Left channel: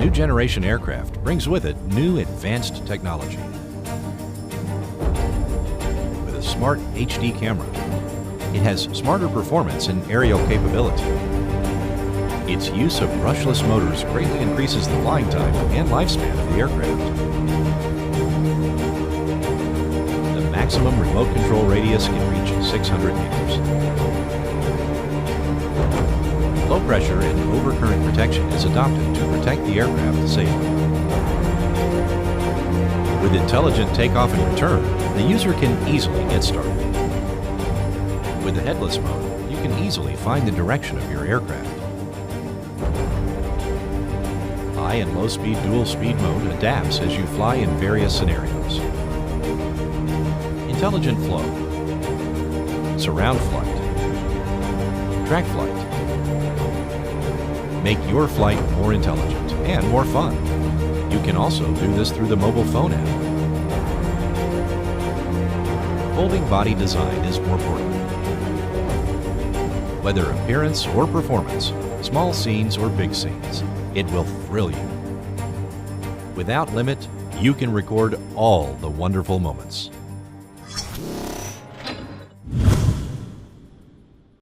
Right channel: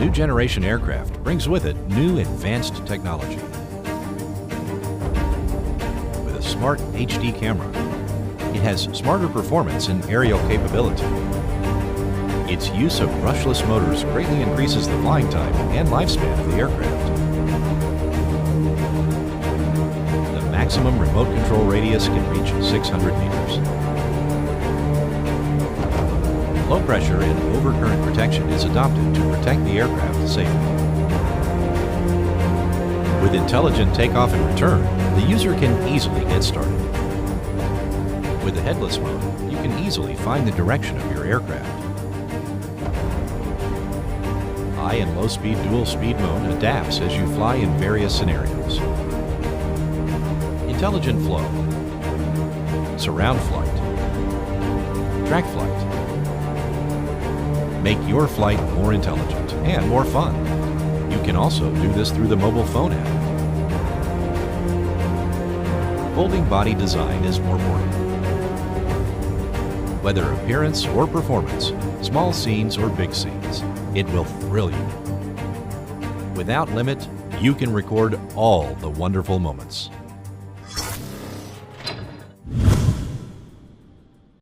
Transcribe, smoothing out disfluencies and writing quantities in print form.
New generation aircraft brings with it new advanced technology. With a smart HD camera, it has smarter performance and aerial capability. Its use of brushless motors greatly increases the flying time and lifespan of the aircraft. The maximum remote control radius can reach 600 meters. Low pressure and overcurrent protection is adopted to protect the aircraft safely. With intelligent takeoff and return, the user can easily get started. With the headless mode, you can easily find the direction of your aircraft. High and low speed dual speed mode adapts as you fly in various scenarios. Intelligent flow, surround flight, track flight. Make your flight more intelligent and more fun. You can also do this through the mobile phone app. Folding body design is more portable. Whether appearance or performance, small scenes or big scenes, it will thrill you. Without limit, you can record all the wonderful moments.